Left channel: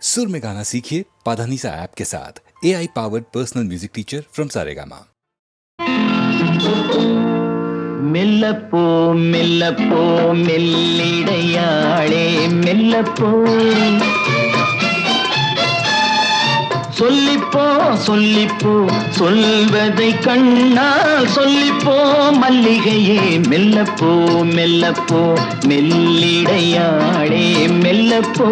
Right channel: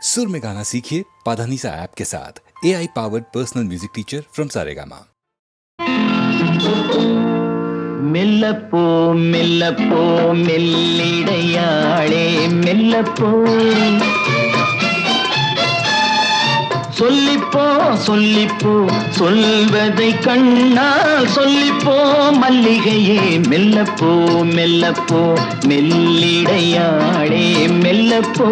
सुर में गाना सीखिए पाधानीसा ऐप के साथ। AI powered personal music teacher from Saregama. மெல்லப்போ மெல்லப்போ மெல்லிடையாளே மெல்லப்போ சொல்லிப்போ சொல்லிப்போ சொல்வதை கண்ணால் சொல்லிப்போ மல்லிகையே மெல்லப்போ மெல்லப்போ மெல்லிடையாளே மெல்லப்போ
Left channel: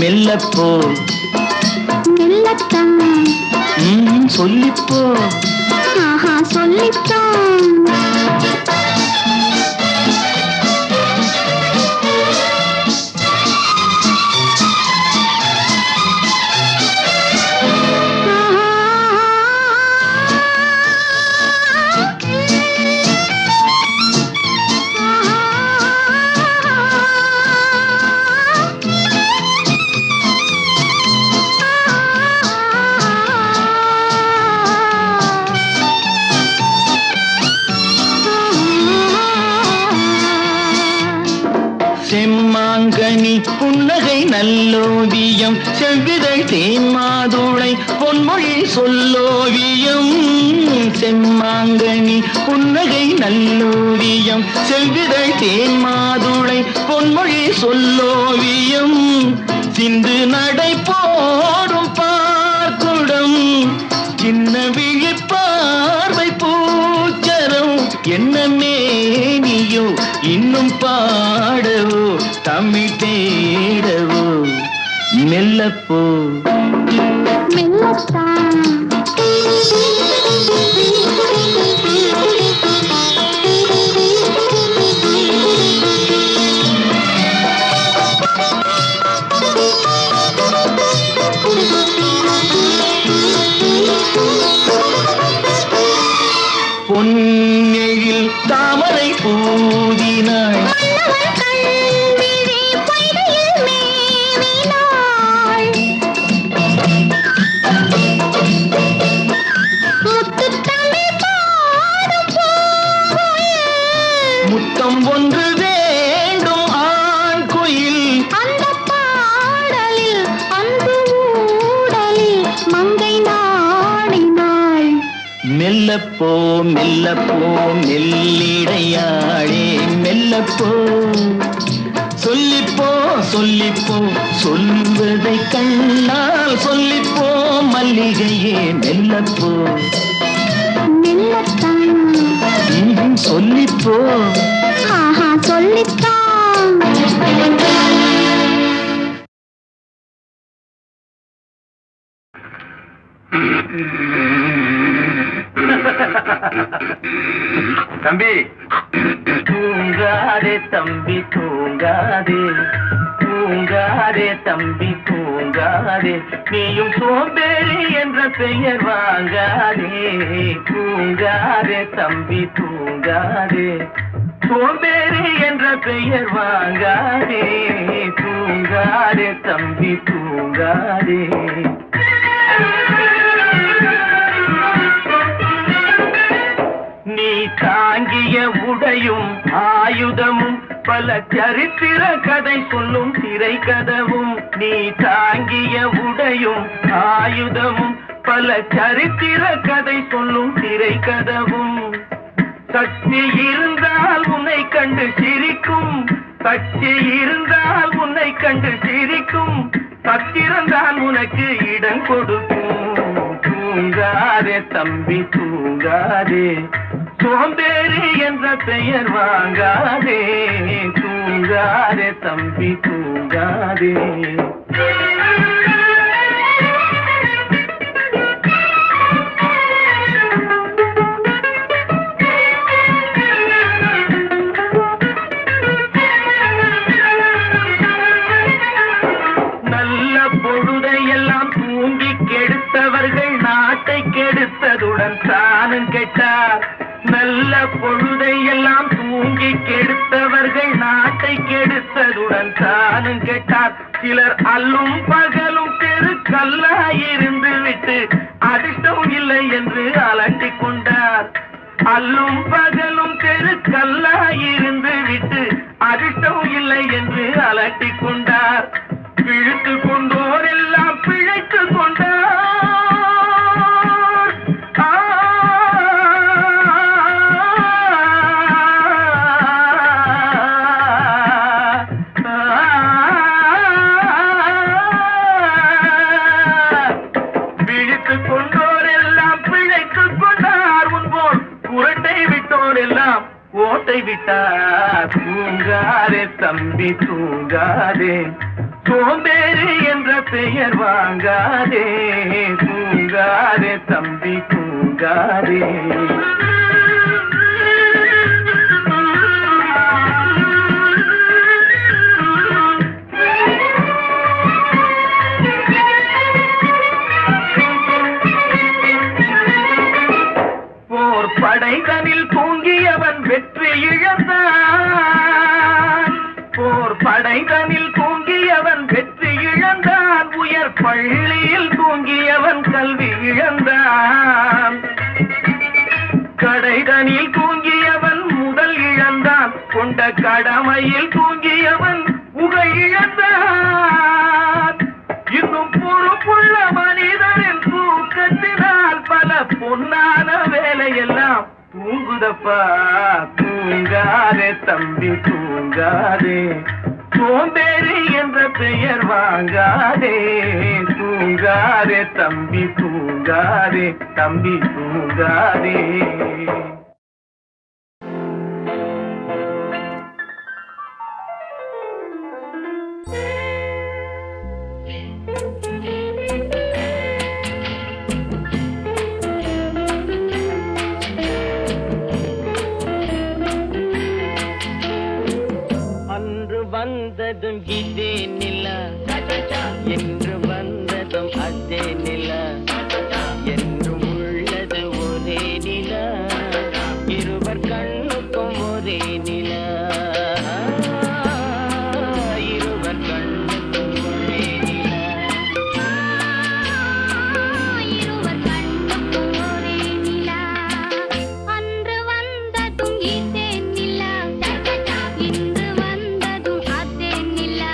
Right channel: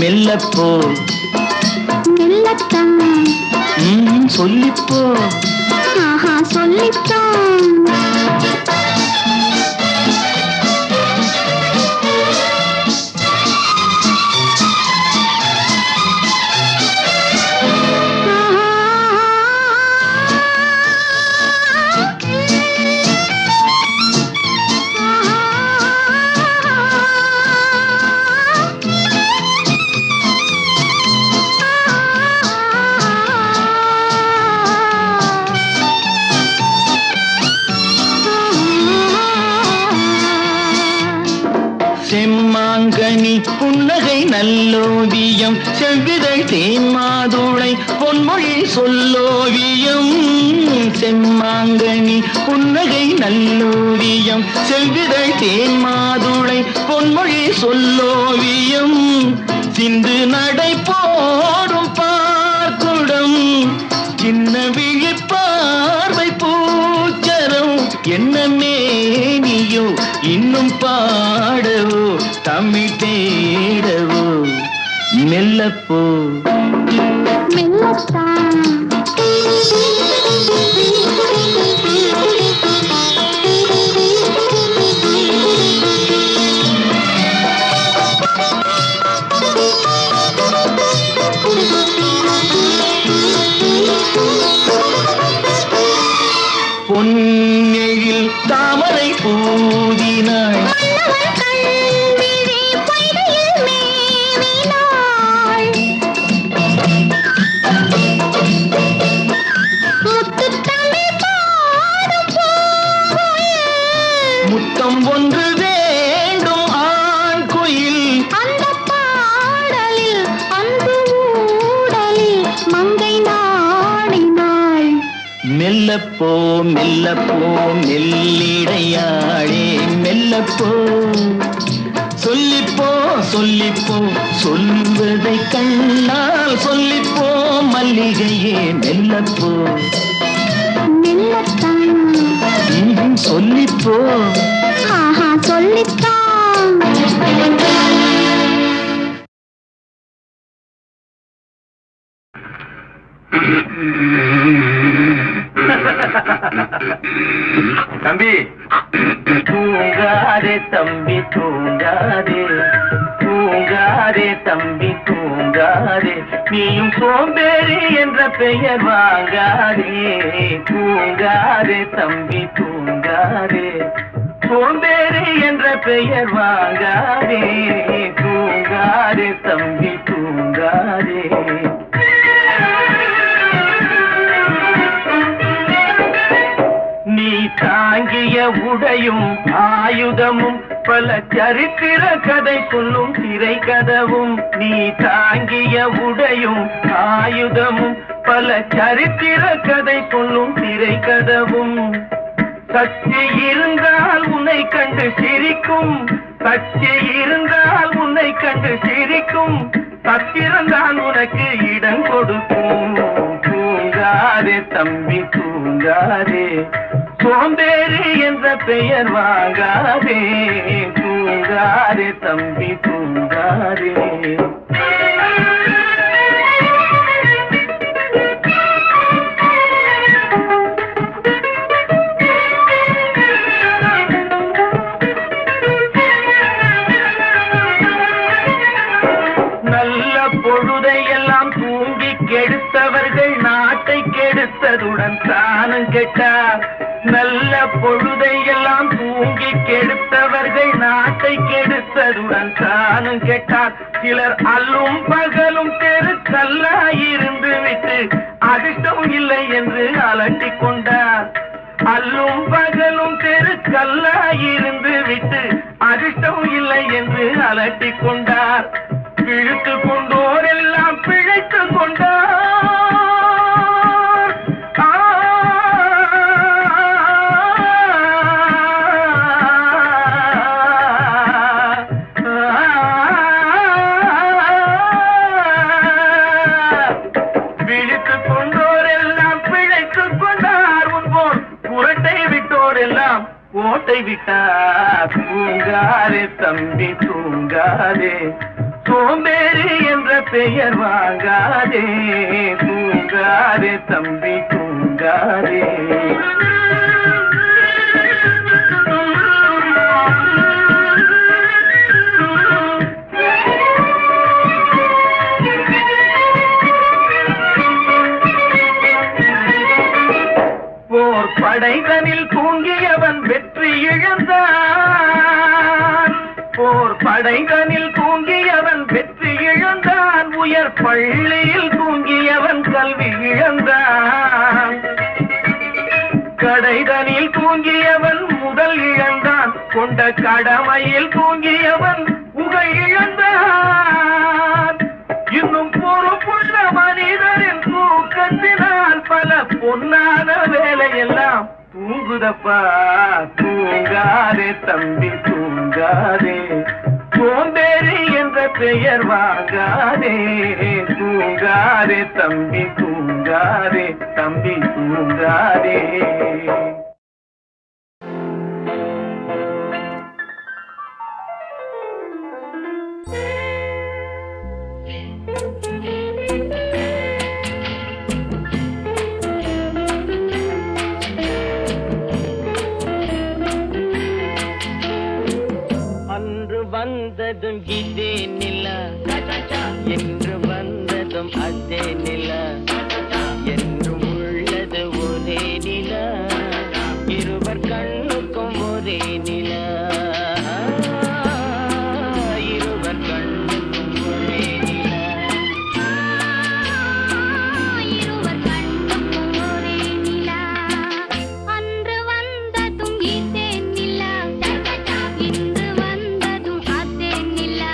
மெல்லப்போ மெல்லத்தான் சொல்லிப்போ சொல்லித்தான் செம்மாங்கனி புன்னகை நல்லோவியம் செவ்விதழ் தேன்மாதுளை பொன்மொழி சொல்லோவியம் செம்மாங்கனி புன்னகை நல்லோவியம் செவ்விதழ் தேன்மாதுளை பொன்மொழி சொல்லோவியம் சிந்து நடை போடும் பார்க்குடம் சின்ன விழிப்பார்வை பூச்சரம் என்ன மேனியோ இன்னும் பாடவோ தமிழ் தேடவோ மெல்லப்போ மெல்லத்தான் பொன்னெழில் தாமரை பூதினாள் முத்தம் ஒன்று வேண்டும் ஆண் குயில் அந்த பாடலில் அன்பு ஊடலில் மங்கை நாடினாள் மெல்லப்போ மெல்லப்போ மெல்லிடையாளே மெல்லப்போ சொல்லிப்போ சொல்லிப்போ சொல்வதை கண்ணால் சொல்லிப்போ மல்லிகையே மெல்லப்போ மெல்லத்தான் சொல்லிப்போ சொல்லித்தான் தம்பி தூங்காதே தம்பி தூங்காதே தூங்காதே தம்பி தூங்காதே நீயும் சோம்பேறி என்ற பெயர் வாங்காதே தூங்காதே தம்பி தூங்காதே சோம்பேறி என்ற பெயர் வாங்காதே தூங்காதே தம்பி தூங்காதே நீ தாங்கிய உடையும் ஆயுதமும் பல சரித்திர கதை சொல்லும் திரை கதவும் நீ தாங்கிய உடையும் ஆயுதமும் பல சரித்திர கதை சொல்லும் திரை கதவும் சக்தி இருந்தால் உன்னை கட்சி இருந்தால் உன்னை கண்டு சிரிக்கும், பத்திரம்தான் உனக்கு இடம் கொடுக்கும். தூங்காதே தம்பி தூங்காதே, சோம்பேறி என்ற பெயர் வாங்காதே. தூங்காதே தம்பி தூங்காதே. நாட்டை கெடுத்ததுடன் தானும் கெட்டார். நல்ல பொழுதை எல்லாம் தூங்கி கெடுத்தவர்கள் நாட்டை கெடுத்ததுடன் தானும் கெட்டார். சிலர் அல்லும் பகலும் தெருக்கல்லாயிருந்து விட்டு அதிர்ஷ்டம் இல்லை என்று அலட்டிக் கொண்டார். அல்லும் பகலும் தெருக்கல்லாயிருந்து விட்டு அதிர்ஷ்டம் இல்லை என்று அலட்டிக் கொண்டார். பிழைத்து கொண்டோர் எல்லாம் பிழைத்து கொண்டார். ஓட்டை விட்டார். தூங்காதே தம்பி தூங்காதே, சோம்பேறி என்ற பெயர் வாங்காதே. தூங்காதே தம்பி தூங்காதே. போர் படைதனில் தூங்கியவன் வெற்றி இழந்தான். போர் படைதனில் தூங்கியவன் வெற்றி இழந்தான். உயர் பள்ளியில் தூங்கியவன் கல்வி இழந்தான். கடைதனில் தூங்கியவன் முதல் இழந்தான். கொண்ட கடமையில் தூங்கியவன் புகழ் இழந்தான். இன்னும் பொறுப்புள்ள மனிதரின் தூக்கத்தினால் பல பொன்னான வேலையெல்லாம் தூங்குதப்பா. தூங்காதே தம்பி தூங்காதே, சோம்பேறி என்ற பெயர் வாங்காதே. தூங்காதே தம்பி தூங்காதே, தம்பி தூங்காதே. வந்ததும் இதே நிலா, என்று வந்ததும் அதே நிலா, என்றும் உள்ளது ஒரே நிலா, இருவர் கண்ணுக்கும் ஒரே நிலா, இருவர் கண்ணுக்கும் ஒரே நிலா, இருவர் கண்ணுக்கும் ஒரே நிலா. அன்று வந்ததும் இதே நிலா, இன்று வந்ததும் அதே நிலா,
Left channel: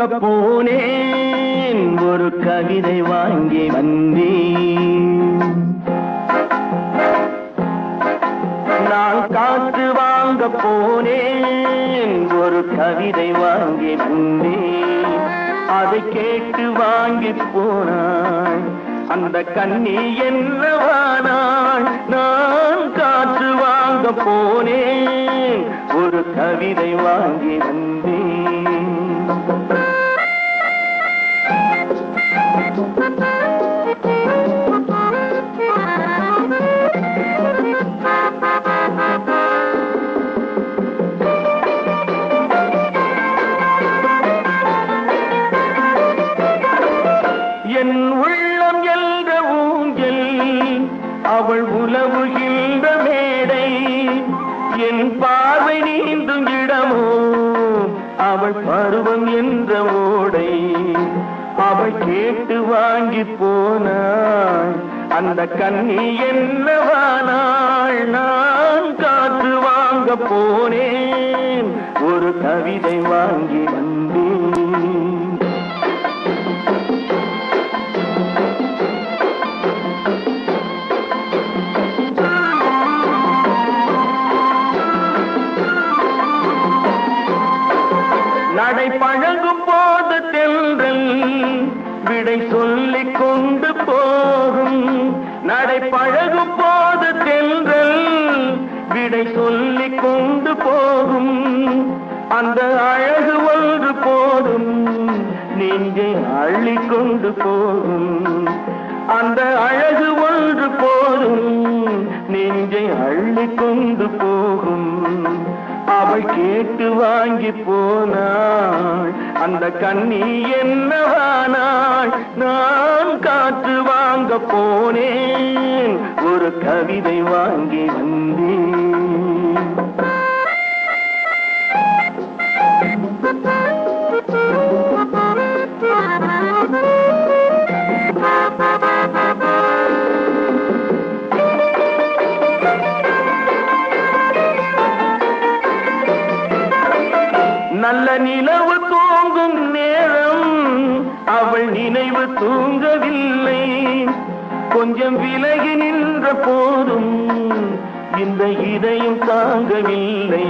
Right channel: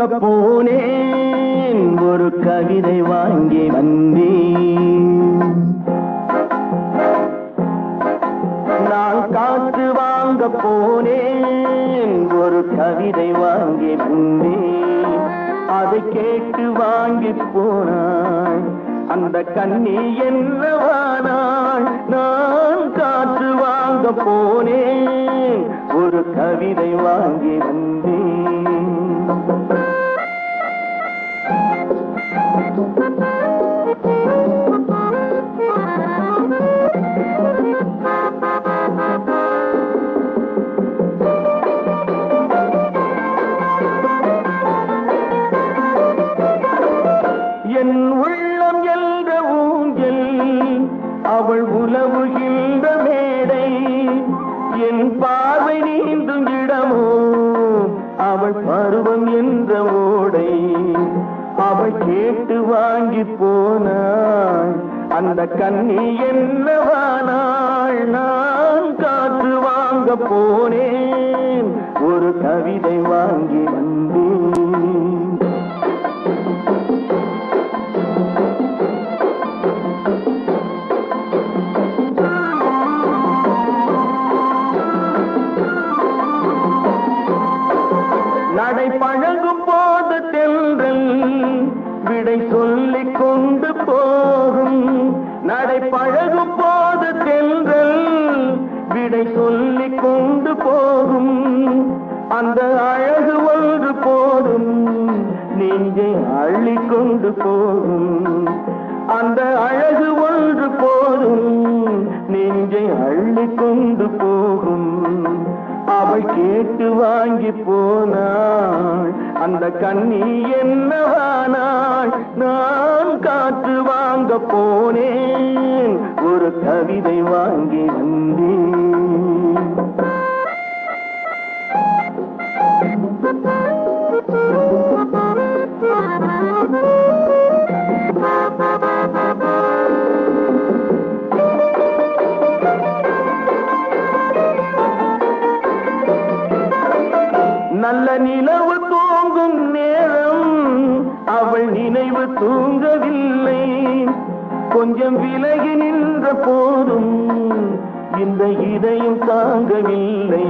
வாங்க போனேன் ஒரு கவிதை வாங்கி வந்தேன். நான் காற்று வாங்க போனேன் ஒரு கவிதை வாங்கி வந்தேன். அதை கேட்டு வாங்கி போனாள் அந்த கண்ணி என்னவானாள். நான் காற்று வாங்க போனேன் ஒரு கவிதை வாங்கி வந்தேன். என் உள்ளம் என்ற ஊஞ்சல் அவள் உலவுகின்ற மேடை. என் பார்வை நீந்தும் இடமோ அவள் பருவம் என்ற ஓடை. அவள் கேட்டு வாங்கி போனாள் அந்த கண்ணி என்னவானாள். நான் காற்று வாங்க போனேன் ஒரு கவிதை வாங்கி வந்தேன். நடை பழகும் போது தென்றல் விடை சொல்லிக் கொண்டு போகும். நடை பழகும் போது தென்றல் விடை சொல்லிக் கொண்டு போகும். அந்த அழகு ஒன்று போதும் நெஞ்சை அள்ளிக் கொண்டு போகும். அந்த அழகு ஒன்று போதும் நெஞ்சை அள்ளிக் கொண்டு போகும். அவள் கேட்டு வாங்கி போனாள் அந்த கண்ணி என்னவானாள். நான் காற்று வாங்க போனேன் ஒரு கவிதை வாங்கி வந்தேன். நல்ல நிலவு தூங்கும் நேரம் அவள் நினைவு தூங்கவில்லை. கொஞ்சம் விலகி நின்ற போதும் இந்த இதயம் தாங்கவில்லை.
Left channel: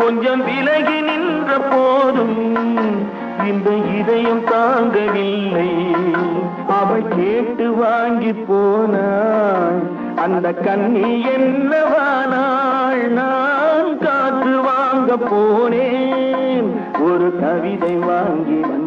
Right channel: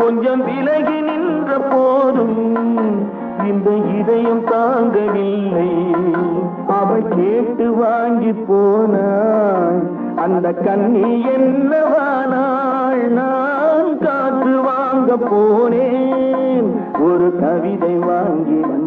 கொஞ்சம் விலகி நின்ற போதும் இந்த இதயம் தாங்கவில்லை. அவள் கேட்டு வாங்கி போனாள் அந்த கண்ணி என்னவானாள். நான் காற்று வாங்க போனேன் ஒரு கவிதை வாங்கி வந்தேன்.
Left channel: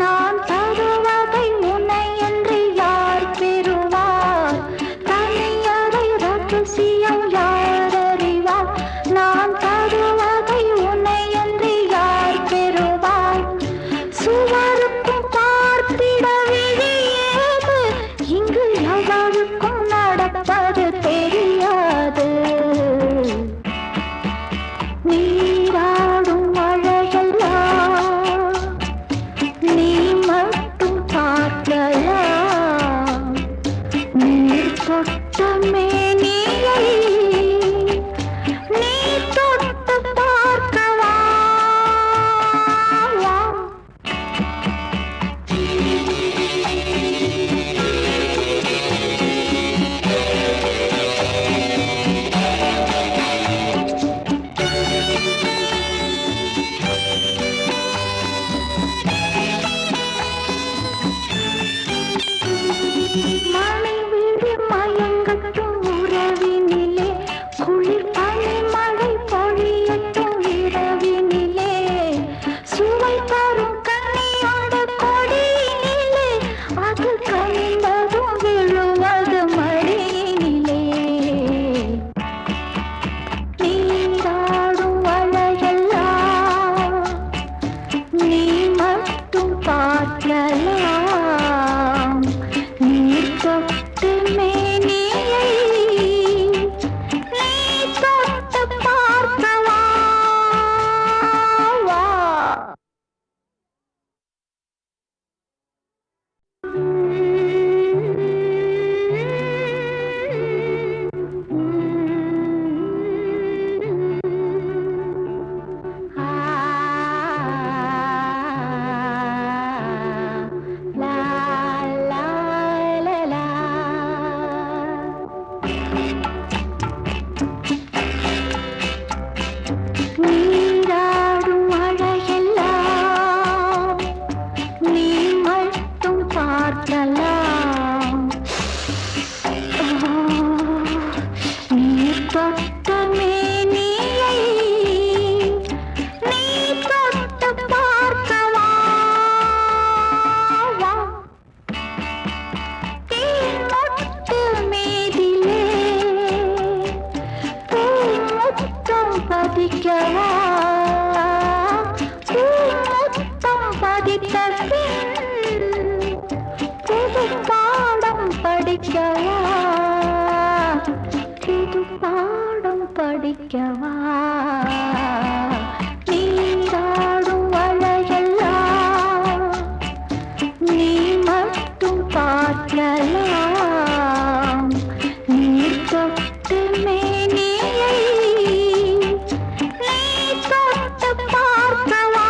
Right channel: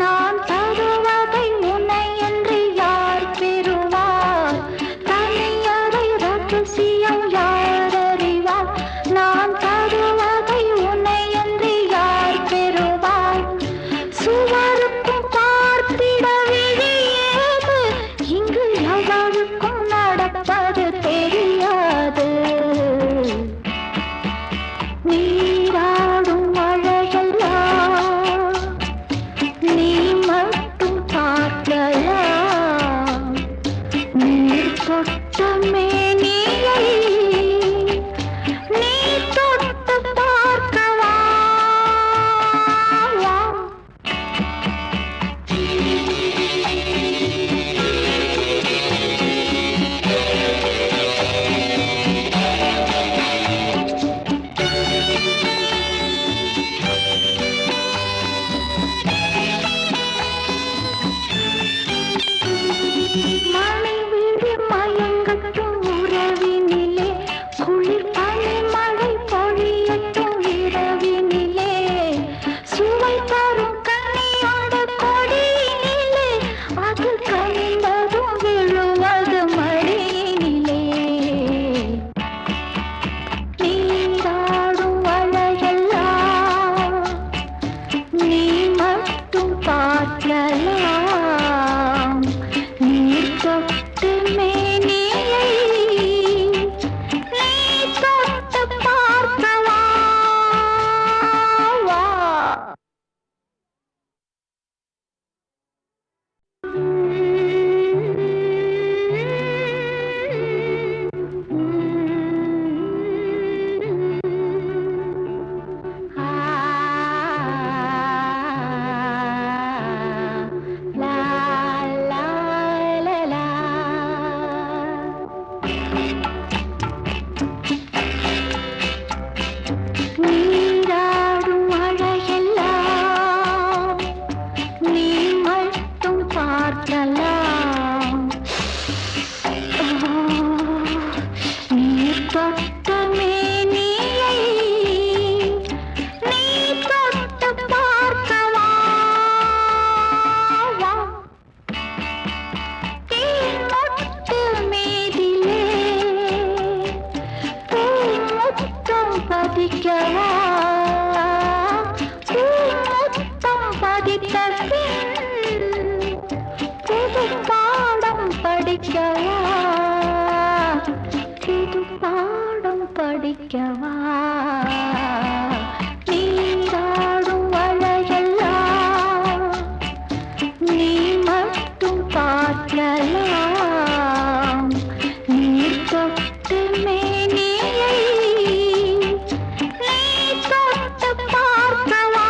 நான் தருவதை உன்னை என்று யார் தொட்ட மேனியை நீ தொட்டு பார்க்கவா மணி விழி மயங்கட்டும் உறவினிலே குளிர் பனி மழை பொழியட்டும் இரவினிலே சுவை தரும் கனியோட கொடியினிலே அது கனிந்ததும் விழுவது மடியினிலே நீராடும் அழகெல்லாம் நீ மட்டும் பார்க்கலாம் நீர் தொட்டு மேனியை நீ தொட்டு பார்க்கவா நீராடும் அழகெல்லாம் நீ மட்டும் பார்க்கலாம் நீர் தொட்ட மேனியை நீ தொட்டு பார்க்கவா தேன்மொட்டு மீதிலே பூமுத்தம் பதிக்கவா பூமுத்தம் பதித்த பின் புது பாடம் படிக்கவா புது பாடம் படிக்கவா நீராடும் அழகெல்லாம் நீ மட்டும் பார்க்கலாம் நீர் தொட்டு மேனியை நீ தொட்டு பார்க்கவா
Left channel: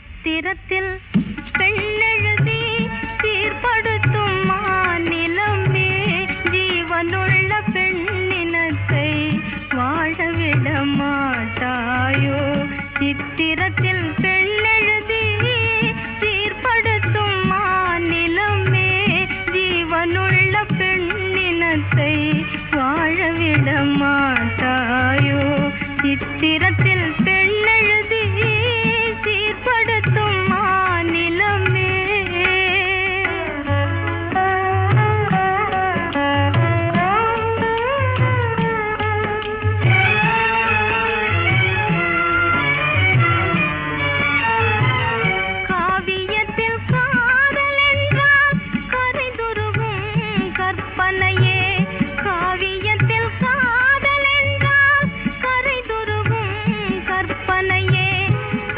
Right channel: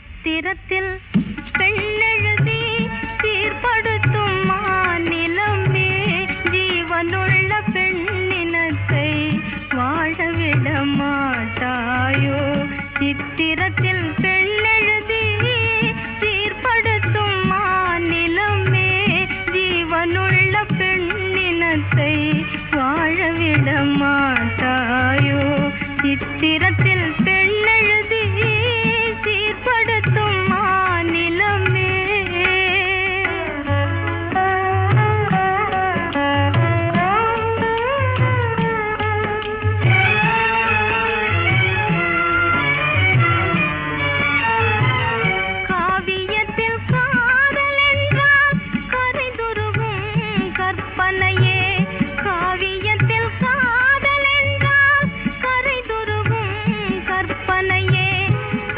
சித்திரத்தில் பெண்ணெழுதி சீர்படுத்தும் மாநிலமே ஜீவனுள்ள பெண்ணினத்தை வாழவிட மாட்டாயோ சித்திரத்தில் பெண்ணெழுதி சீர்படுத்தும் மாநிலமே ஜீவனுள்ள பெண்ணினத்தை வாழவிட மாட்டாயோ சித்திரத்தில் பெண்ணெழுதி சீர்படுத்தும் மாநிலமே காவியத்தில் காதல் என்றால் கரைதுருகும் கற்பனையே காவியத்தில் காதல் என்றால் கரைதுருகும் கற்பனையே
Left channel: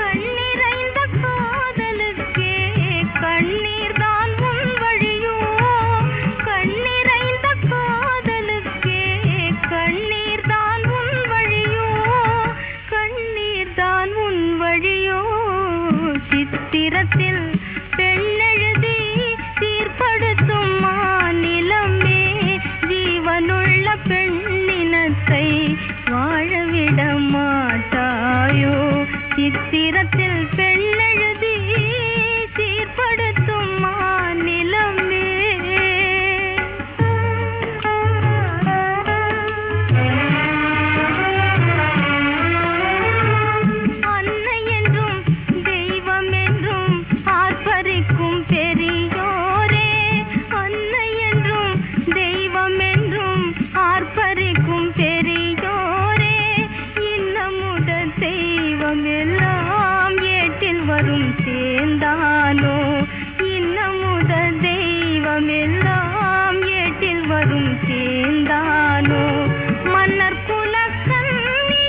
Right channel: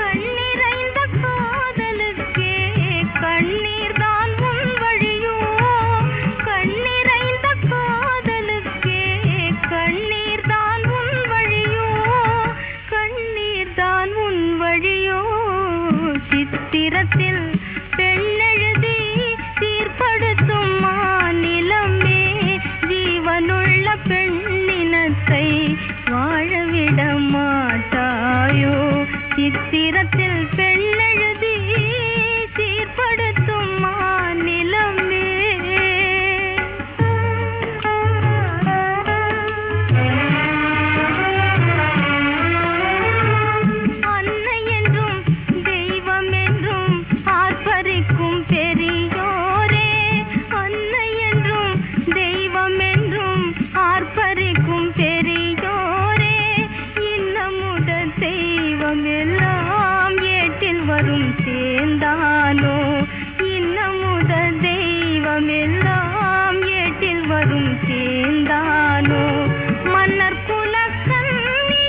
கண்ணிறைந்த காதலுக்கே கண்ணீர்தான் உன் வழியோ கண்ணிறைந்த காதலுக்கே கண்ணீர்தான் உன் வழியோ கண்ணீர்தான் உன் வழியோ சித்திரத்தில் பெண்ணெழுதி சீர்படுத்தும் மாநிலமே ஜீவனுள்ள பெண்ணினத்தை வாழவிட மாட்டாயோ சித்திரத்தில் பெண்ணெழுதி சீர்படுத்தும் மாநிலமே அன்னை என்றும் தெய்வம் என்றும் ஆர்ப்பரிக்கும் பெரியோரே அன்னை என்றும் தெய்வம் என்றும் ஆர்ப்பரிக்கும் பெரியோரே இன்னமுத தெய்வம் எல்லாம் ஏட்டில் வரும் சேர்ந்தானோ இன்னமுத தெய்வம் எல்லாம் ஏட்டில் வரும் சேர்ந்தானோ மன்னர் குலக்கண்ணியரும்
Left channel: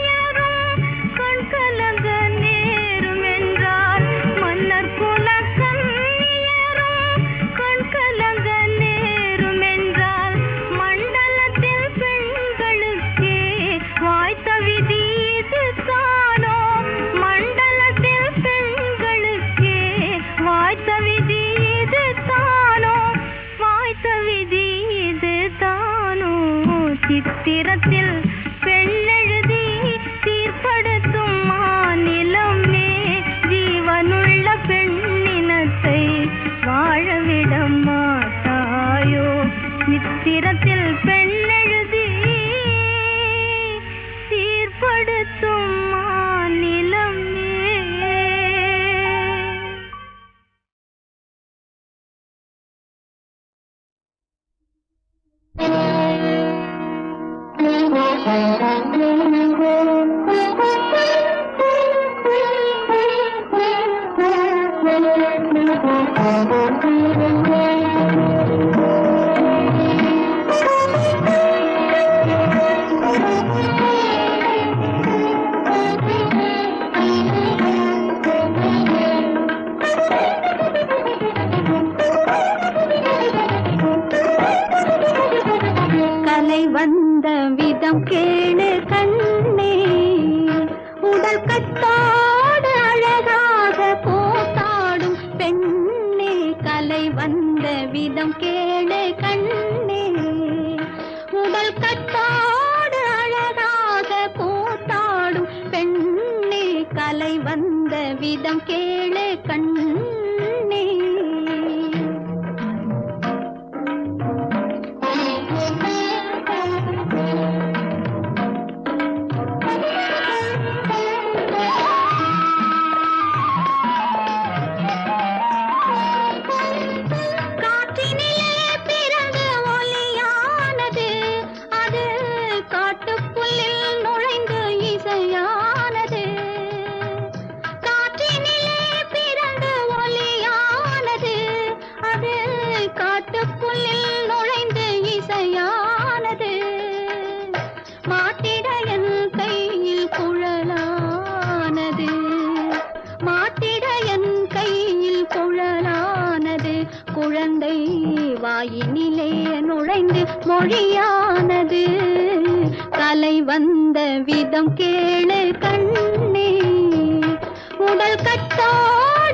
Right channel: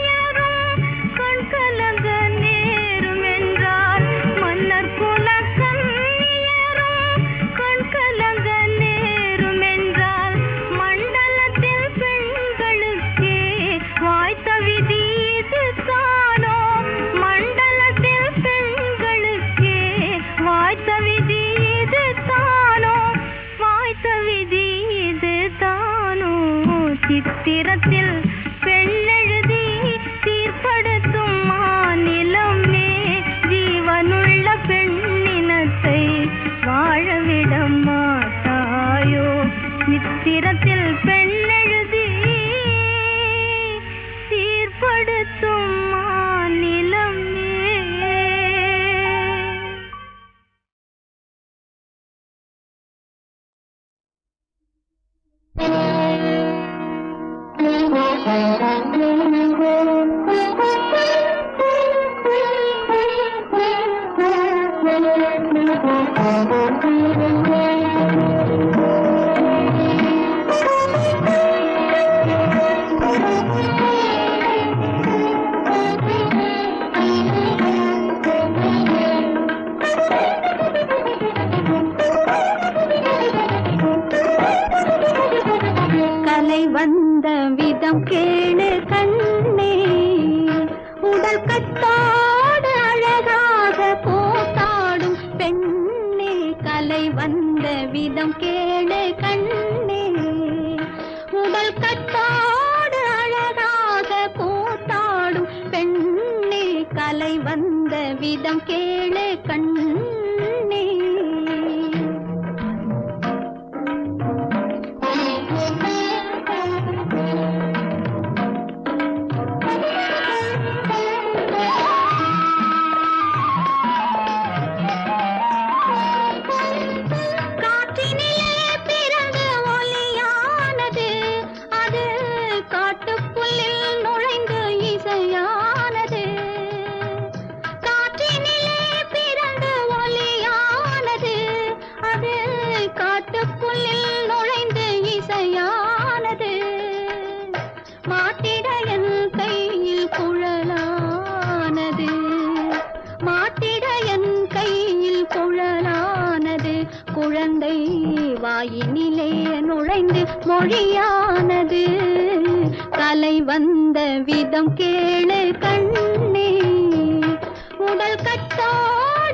கண் கலங்க நேரும் என்றால் மன்னர் குலக்கண்ணியரும் கண் கலங்க நேரும் என்றால் மண்டலத்தில் பெண்களுக்கே வாய்த்த விதி இதுதானோ மண்டலத்தில் பெண்களுக்கே வாய்த்த விதி இதுதானோ வாய்த்த விதி இதுதானோ சித்திரத்தில் பெண்ணெழுதி சீர்படுத்தும் மாநிலமே ஜீவனுள்ள பெண்ணினத்தை வாழவிட மாட்டாயோ சித்திரத்தில் பெண்ணெழுதி சீர்படுத்தும் மாநிலமே கலை வந்த விதம் கேளு கண்ணே உடல் கட்டோடு அழகாக கூத்தாடும் பெண்ணே கலை வந்த விதம் கேளு கண்ணே உடல் கட்டோடு அழகாக கூத்தாடும் பெண்ணே கலை வந்த விதம் கேளு கண்ணே குழந்தை வாயினிலே நுழைந்து மொழியானது. கலை வந்த விதம் கேளு கண்ணே, உடல் கட்டோடு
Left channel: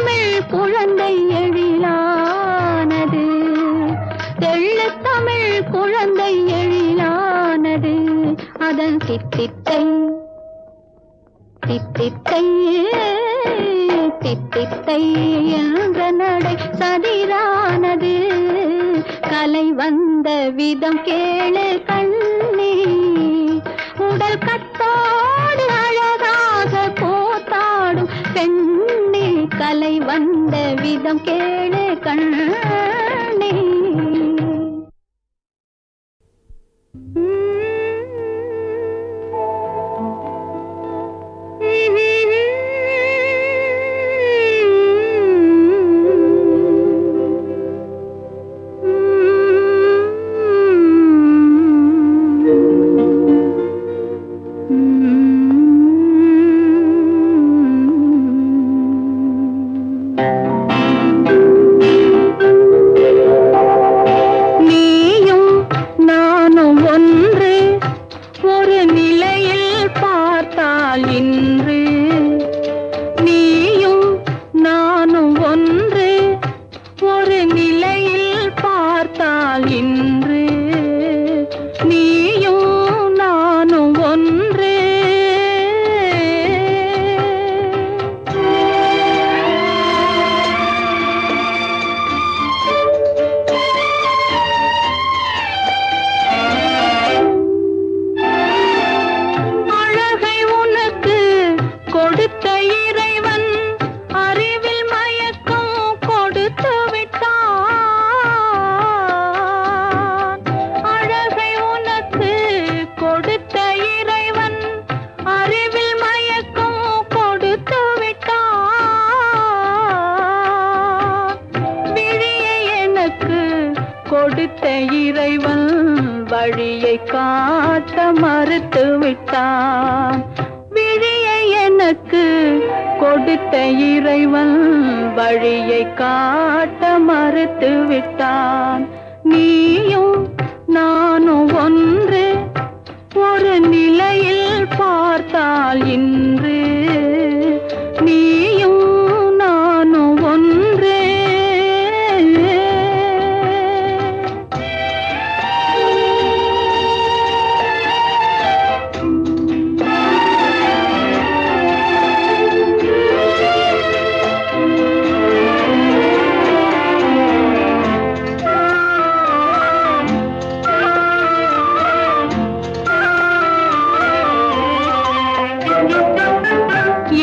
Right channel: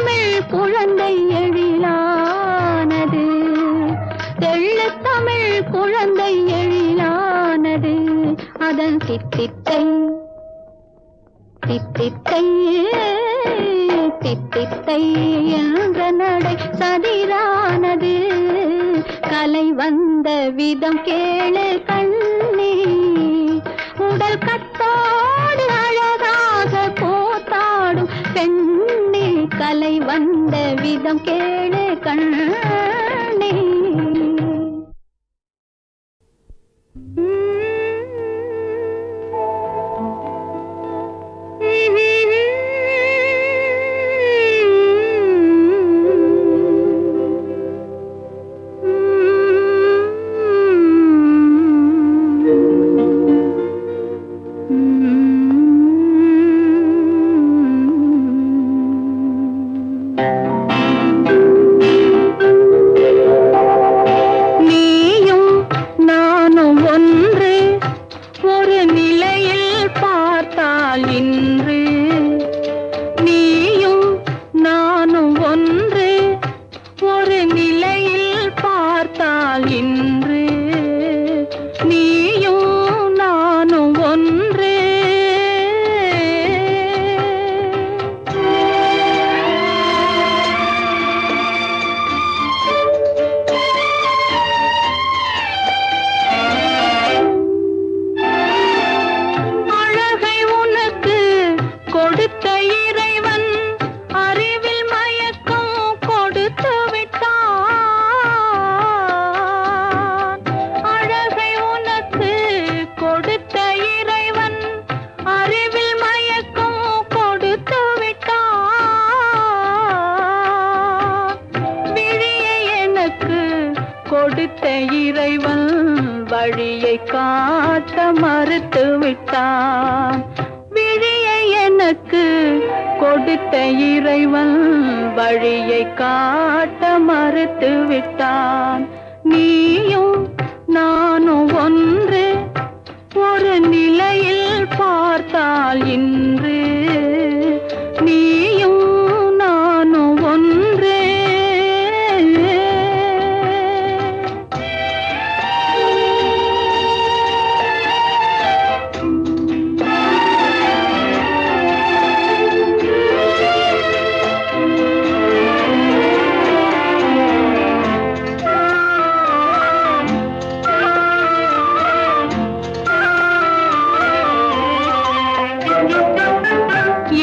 தெள்ளுத்தமிழ் குழந்தை எழிலானது, தெள்ளுத்தமிழ் குழந்தை எழிலானது. அதன் தித்தித்தை தித்தித்தை தித்தித்தை என்ற நடை சதிரானது. கலை வந்த விதம் கேளு கண்ணே, உடல் கட்டோடு அழகாக போத்தாடும் பெண்ணே. கலை வந்த விதம் கேளு கண்ணே. கொடுத்த இறைவன் வழியை காட்ட மறுத்து விட்டான். விழியை எனக்கு கொடுத்த இறைவன் வழியை காட்ட மறுத்து விட்டான். நீயும் நானும் ஒன்று, ஒரு நிலையில் பார்த்தால் இன்று நீயும் நானும் ஒன்று.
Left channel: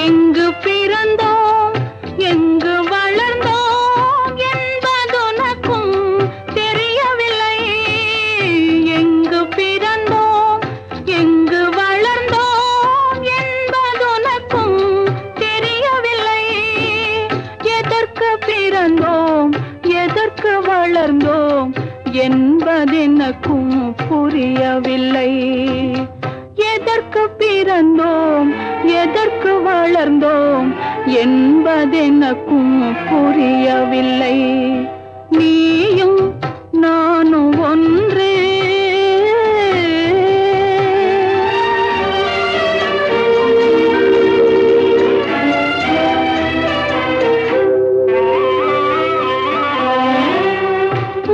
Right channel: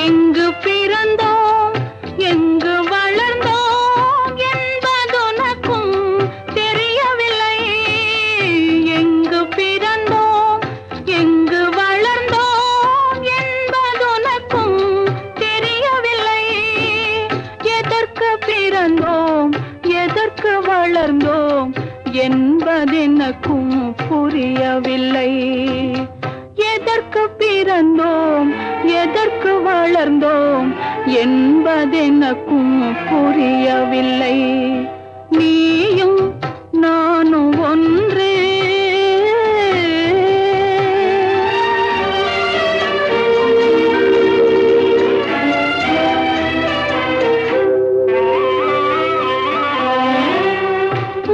எங்கு பிறந்தோம் எங்கு வளர்ந்தோம் என்பதுனக்கும் தெரியவில்லை. எங்கு பிறந்தோம் எங்கு வளர்ந்தோம் என்பதுனக்கும் தெரியவில்லை. எதற்கு பிறந்தோம் எதற்கு வளர்ந்தோம் என்பதெனக்கும் புரியவில்லை. எதற்கு பிறந்தோம் எதற்கு வளர்ந்தோம் என்பதெனக்கும் புரியவில்லை. நீயும் நானும் ஒன்றே.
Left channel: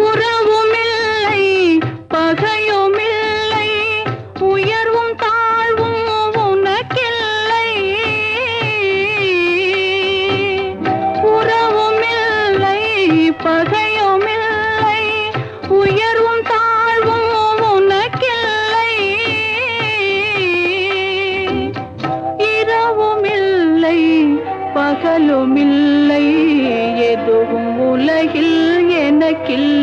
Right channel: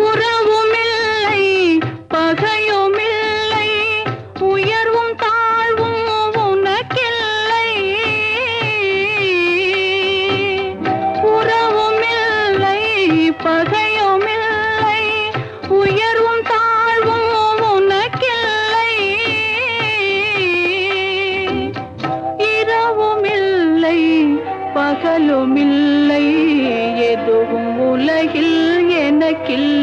உறவுமில்லை பகையுமில்லை, உயர்வும் தாழ்வும் உனக்கில்லை. உறவுமில்லை பகையுமில்லை, உயர்வும் தாழ்வும் உனக்கில்லை. இரவுமில்லை பகலுமில்லை, எதுவும் உலகில் எனக்கில்லை.